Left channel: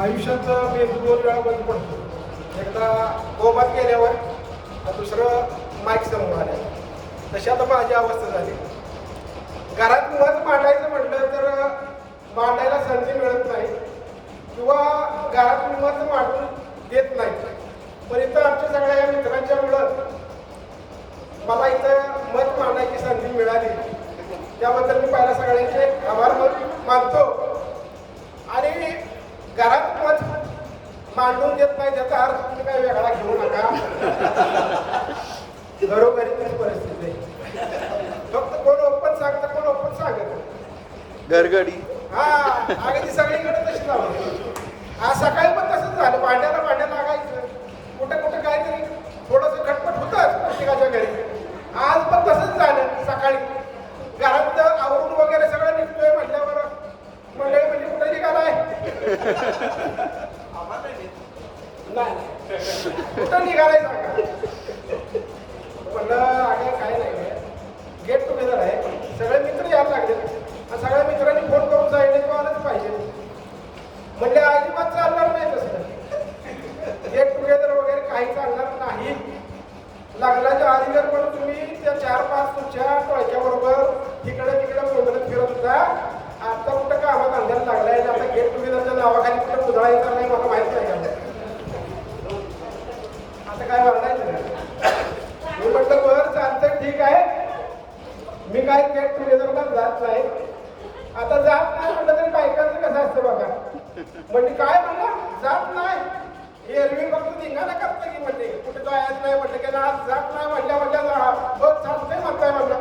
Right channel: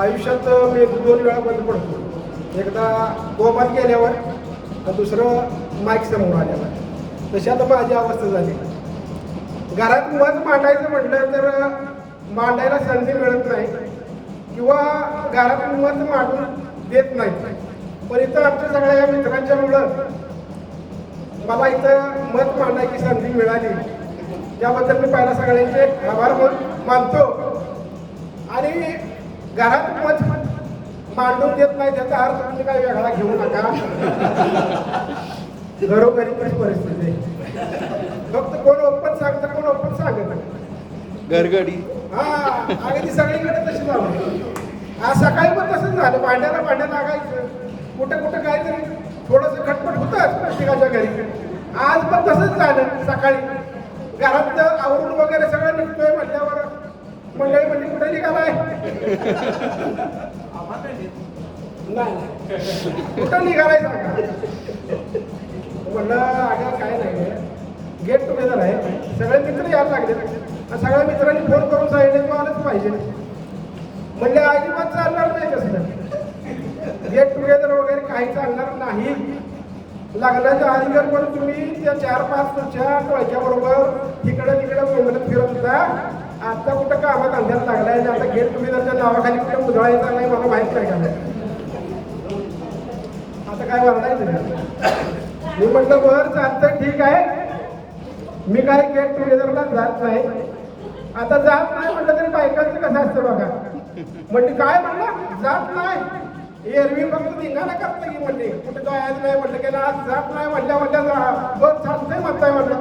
आयुष्यात मी दोन वेळा बंद पडतो. एकदा कोमात गेल्यावर आणि दुसरं माईक समोर आल्यावर तशी आता माझी अवस्था झाली. घरात मत मांडायचं म्हटलं तर मांडायला संधी मिळत नाही. किंवा घरात मत मांडून देत नाही. पण इथं आमच्या सगळ्या या मित्रांच्या मुलं मला इथं मत मांडायची संधी मिळाली. त्याबद्दल मी पहिला सगळ्यांचे आभार मानतो. आणि घरात मत मांडून देत नाही त्याचा अर्थ तुम्ही काही वेगळा घेऊ नका. घरोघरी पण परिस्थिती आहे. फक्त कोण ओपन सांगतं कोण ओपन सांगत घरगडी. हा अगदी सगळीकडे तशी झालं आज सकाळी पण तसंच झालं भांड्याला भांड्या लागायचं. कुठं कुठं काहीतरी थोडंसं खटपट होतंच प्रत्येकाच्या घरी. आज पण तसंच झालं सकाळी. घरात आवरून वगैरे सगळं निघतोय म्हटल्यावर मंडळी म्हणजे कुठे निघालाय नाही नाही. कुठं निघालाय म्हणलं? अगं काय नाही गेट टुगेदर आहे. सगळे मित्र यायला लागले सगळ्या मित्रांनी फोन करून सांगितलं की आलंच पाहिजे. म्हणजे अजिबात चालणार नाही तसं. गेट टुगेदर वगैरे काही चालणार नाही. लग्नाच्या आधीगर पण तुम्ही त्या चार पाच तुमच्या टोळक्या बरोबर तिकडे तिकडे मुंबईत फिरत होता आता कुठं कामात अंधार लागलाय आणि आता गेट टुगेदरच्या नावाखाली कुठं मुदळायचं नाही मला माहीत नाही का? आता काय म्हणायचं मी म्हटलं बरं चालतं ठीक आहे. मी काय गेट टुगेदरला जात नाही. आता जात नाही म्हटलं तरी बायकांचं कसं असतं बघा. म्हणजे काय म्हणलं? जात नाही. एरवी फक्त धिंगाणा करतं की म्हणले कुठे जायचं नाही म्हटलं की आज जात नाही म्हटल्या म्हटल्या जा- चालतंय म्हणताय म्हटलं.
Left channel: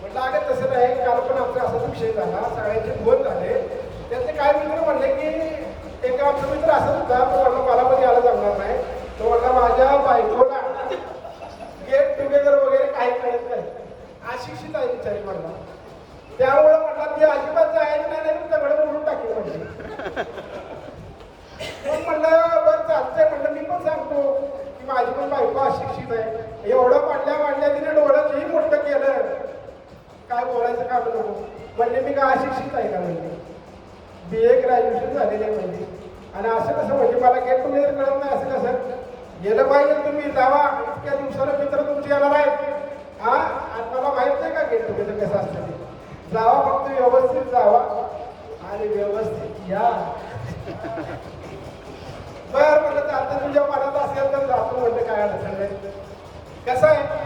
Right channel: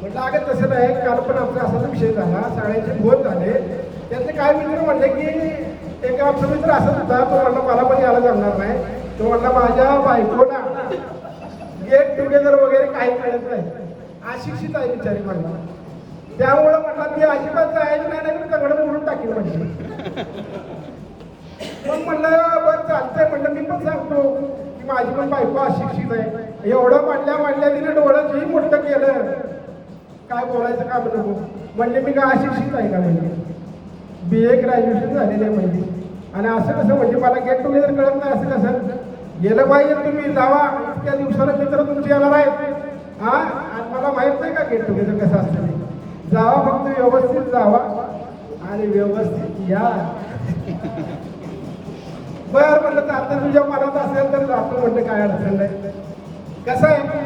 म्हटलं अगं तसं नाही. काल पण आमचा असाच विषय झाला. सगळ्यांचे फोन झाले. त्यातले काय मित्र म्हटले की एक आमचा मित्र असंच होता. तो म्हटलं मला पण यायला जमणार नाही. तो म्हणला माझ्या बायकोला गेट टुगेदर वगैरे काही कळत नाही. अशिक्षित आहे बिचारी म्हणला त्यामुळं म्हटलं ती अजिबात जायची नाही नाही तंगड मोडून टाकील म्हणजे मग म्हणलं बरं चालतंय म्हणलं. मी पण सांगतो की माझी पण बायको अशिक्षित आहे. एवढं म्हणल्या म्हणल्या तिने डोळ्याचंही मोठं केलं. काय बोलायचं का नको. म्हणले मी काय अशिक्षित आहे का? म्हणजे बी ए ग्रॅज्युएशन झालेले म्हणजे आणि असं कसं म्हणजे मला गेट टुगेदर कळत नाही असं कसं? गेलं पाहिजे तुम्ही जावा. त्या दिवसाला मित्र तुमचे येणार आहेत. हा? आणि मला माहीत नाही का गेट टुगेदर कसं असतं जावा फक्त व्यवस्थित जावा. आणि व्यवस्थित या. बर म्हटलं तर आता तुझ्या मनात असेल तर जातो म्हणलं काय अडचण नाही. कसं आहे?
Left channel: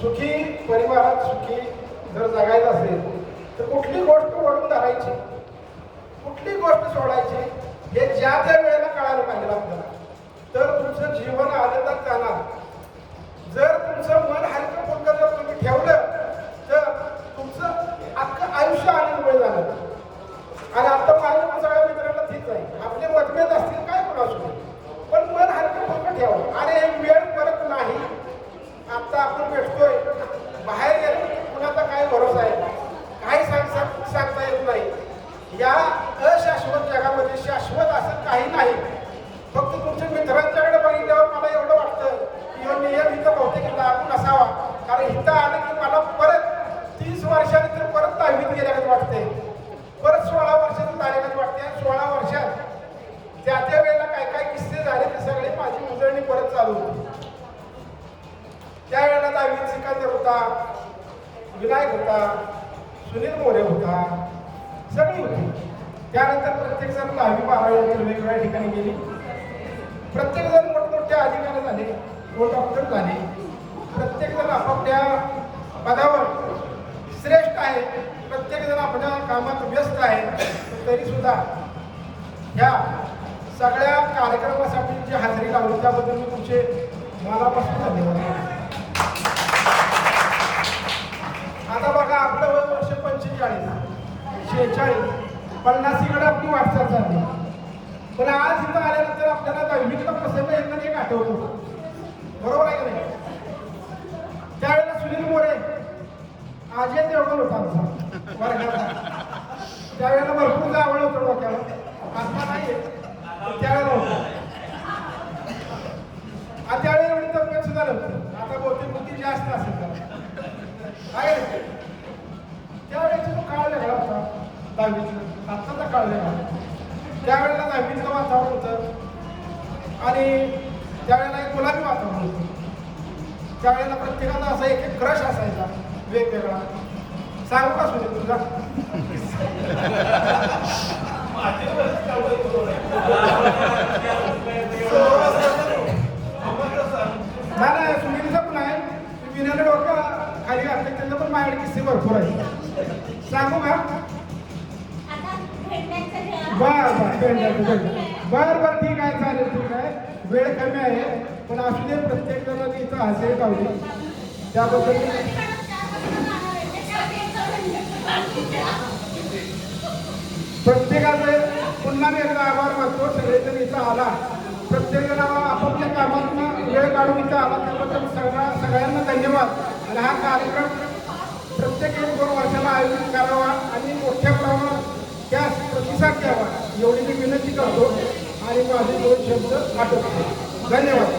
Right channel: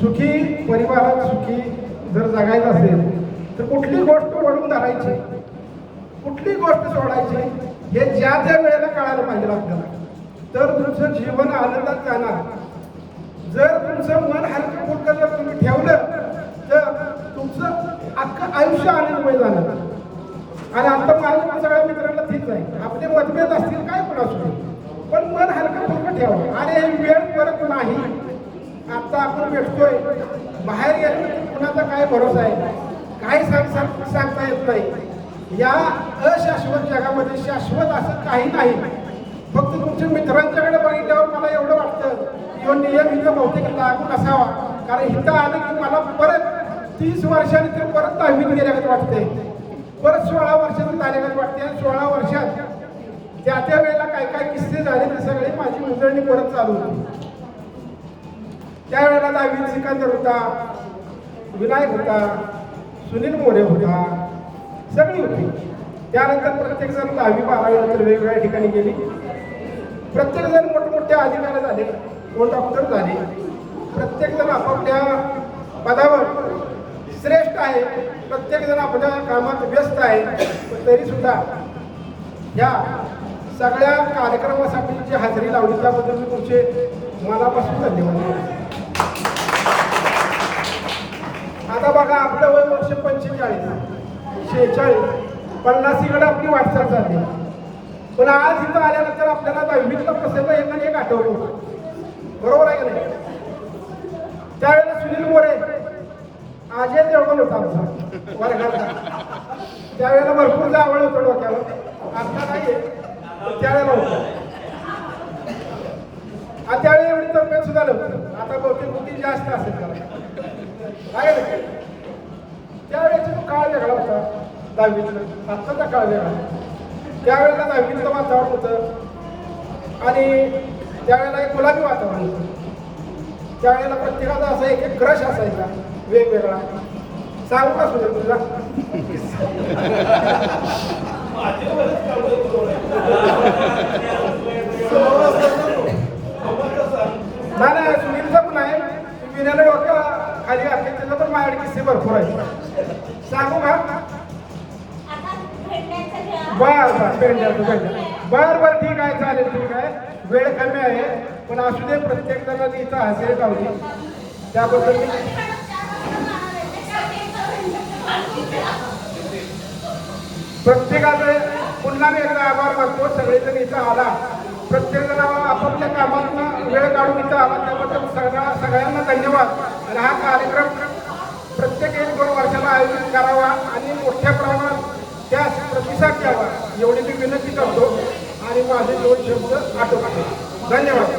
सुखी परिवारात सुखी जर जगायचं असेल तर कुठली गोष्ट ओढून धरायची? कुठली गोष्ट सोडायची? हे ज्या ज्या वेळेला कळायला पाहिजे. तुमचं जीवन आनंदात जाणार. जर तुमचं मन हलकं फुलकं जर तुम्ही ठेवलं तर तुमचं अख्खं आयुष्य आनंदमय जाणार आणि आता माझ्या सगळ्या मित्रांना तीच आहे. आपले मतभेद असतील काय पण असू पण मन हलकं फुलकं ठेवा. आणि हे वेळ परत नाही. आता आपण भेटतोय. बाहेर येतो कुणाचा काय भरोसा आहे? काही सांग सांग- सांगता येत नाही. या अशाश्वत जगामध्ये शाश्वत असं काही नाही. फक्त तुमच्या मित्रांच्याकडे बघितल्यावर मला एवढं वाटतं तो नियम इथं बहुतेक लागू नसावा. कारण इथं आलं की मला परत तीस वर्षांनी तर परत दहावीत गेल्यागत वाटते. परत सोळा वर्षाचं आल्यागत वाटते. आणि सोळा वर्षात त्या त्या वेळेला काय काय किस्से झाले ते सगळी माझी उजळणी परत चालू होती. त्यावेळेला दहावीत सिकंदर होता विनायक होता सुनील मोरे होता सगळी होती. त्यानंतर प्रत्येक जण दहावी बारावी नंतर वेगवेगळ्या ठिकाणी गेली. प्रत्येक जण मोठमोठे अधिकारी झाले कोण डॉक्टर झाले प्रत्येक जण आपापल्या पदावर श्रेष्ठ आहे प्रत्येक जण आपल्या कामात व्यस्त आहे पण तरी सुद्धा या सगळ्या कार्यक्रमासाठी जी हजेरी लावली. त्याबद्दल मी तुमचे मनापासून धन्यवाद आता बघा आपलं वय वर्ष पंचेचाळीस. शेहेचाळीस. पन्नासीकडे आपली वाटचाल झाली. पण आज इथं आल्यानंतर आपल्याला दहावीतलं प्रसंग यांना एक आठवलं होतं. बरोबर आहे का नाही? त्यावेळेला सुनील मोरे आजय देवगण होता आमचा वर्गाचा त्यावेळेला भरपूर जावळ होतं डोक्याला. आता नाहीये त्यावेळेला होतं. आणि त्यावेळी एवढी तब्येत सुद्धा नव्हतं. आता बहुतेक बुद्धी जास्त असेल त्याला. आहे ना त्यावेळेचा काळ वेगळा होता दहावीतलं. आत्ताचा काळ वेगळा त्यावेळेला दहावीचं वातावरण होतं. आणि त्यावेळेला एक गुलाबी वातावरण होतं. त्यावेळेला प्रत्येकाचा असा एक एक क्रश असायचा वेगवेगळा. सांगू का सुद्धा तुझा नाही नाही पण आहे. विण्याला डॉक्टर खाली घातले त्याचं पण माझ्याकडे किस्से भरपूर आहे सांगू का? बर बर भेंड्याचं बर बर ठीक आहे चालेल ठीक आहे. वेळ कमी आहे पण असू दे प्रत्येक जणांनी इथं हजेरी लावली. त्याबद्दल मी प्रत्येकाचे पुन्हा मी एकदा आभार मानतो सगळेजण इथं आला. प्रत्येक जण आपापल्या कामातून वेळ काढून इथं आला त्याबद्दल सगळ्या सगळ्यांना धन्यवाद. आणि हा कार्यक्रम एवढी मी विनंती करतो आणि माझे दोन शब्द आठवतो धन्यवाद.